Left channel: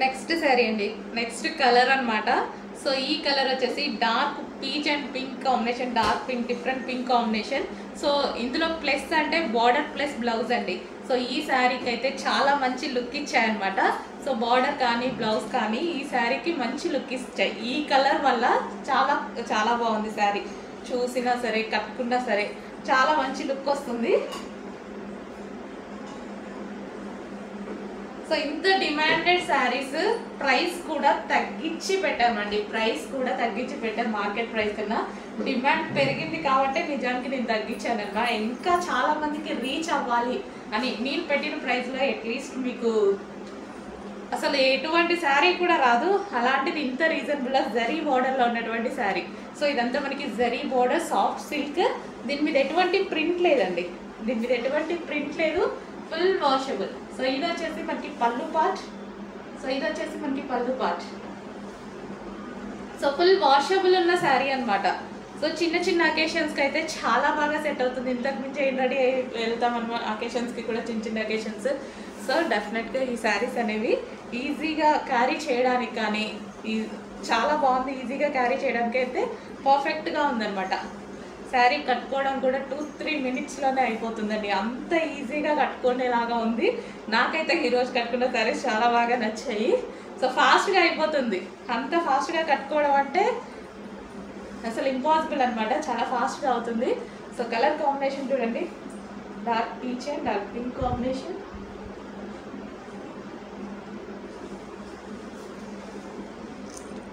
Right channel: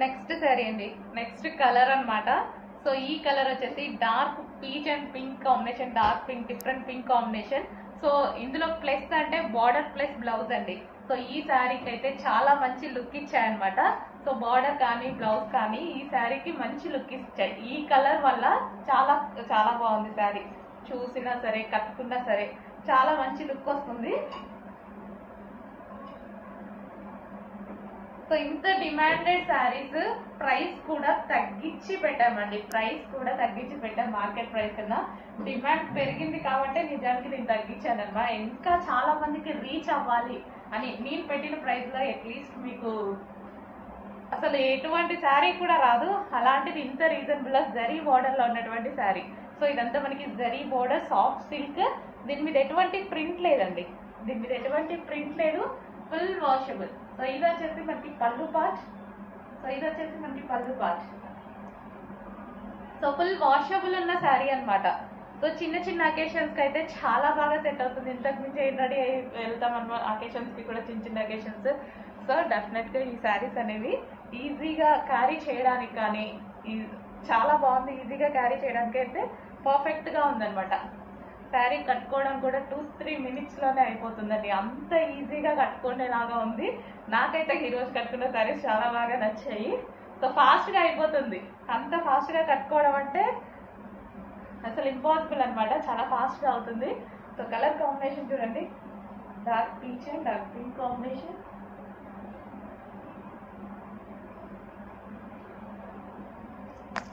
Next sari అండి, next colour అన్నమాట. So ఈ కలర్ వచ్చేసి dark peach and pink combination, dark pink, different pink combination. So ఇందులో plus అంటే బార్డర్ ప్లస్ బ్లౌజ్ అండి. సో ఈ శారీకి అయితే చాలా మంచి లుక్ ఇచ్చాయన్నమాట. సో బార్డర్ కానీ బ్లౌజ్ కానీ ఈ శారీకి మంచి లుక్ ఇచ్చాయి. ఈ కలర్ వల్ల చాలా చాలా బాగుంది శారీ. చూసినా సరే కట్టుకున్నా సరే చాలా మంచి లుక్ వస్తుంది. సో ఇంత డిమాండెడ్ శారీస్ ప్రైస్ కూడా తగ్గించి పెట్టామండి. ప్రైస్ కూడా తగ్గించి పెట్టాం. మార్కెట్ ప్రైస్ కన్నా డిమాండ్ పెరిగింది కాబట్టి నిజానికి నేను తగ్గించాను అనమాట. ఇంకా చాలా మందికి రీచ్ అవ్వాలి అని నేను పెట్టిన ప్రైస్లో అట్లీస్ట్ మీకు అసలు ఎటువంటి శారీ కూడా రాదు. అలాంటిది ఇంత రీజనబుల్ జరీ బోర్డర్లో ఉన్నటువంటి శారీ. సో ఇదంతా మనకి జరీ బోర్డర్, సాఫ్ట్ సిల్క్. దీని మీద ఎటువంటి ప్రింట్ లేదండి, దీని మీద ఎటువంటి ప్రింట్ లేదు, ఫుల్ వాషబుల్. సో ఇది వచ్చేసి మనకి పళ్ళు పార్ట్. సో ఇది వచ్చేసి మనకి పళ్ళు పార్ట్. సో ఫుల్ వాషబుల్ ఉన్న శారీ అనమాట. సో చిన్న చిన్న అకేషన్స్కి అయితే చాలా బాగా సెట్ అవుతుంది. ఇంతకు మించి ఏం రెడీ వెళ్తాం అనమాట అకేషన్స్కి కూడా, చిన్న చిన్న అకేషన్స్. సో డెఫినెట్గా ఈ శారీస్ అనేవి ఈజీగా క్యారీ చేయడానికి కానీ చాలా బాగుంది. ఈజీగా క్యారీ చేయడానికి అయితే పర్ఫెక్ట్గా ఉందన్నమాట. శారీ కట్టుకోవడం కూడా 2-3 మినిట్స్లోనే అయిపోతుందండి. అంత ఈజీగా కట్టుకునేలాగా ఉంది. నాకైతే ఈరోజు కట్టుకున్న శారీస్ చాలా బాగా నచ్చాయి. సో ఫాస్ట్గా అయిపోతుంది. అంత ఫాస్ట్గా కట్టుకోవడం అంటే అసలు ఇంపాసిబుల్ అనమాట. చాలా ఫాస్ట్గా అవుతుంది. సో కలర్ కాంబినేషన్ చూడండి, dark peach and dark pink combination.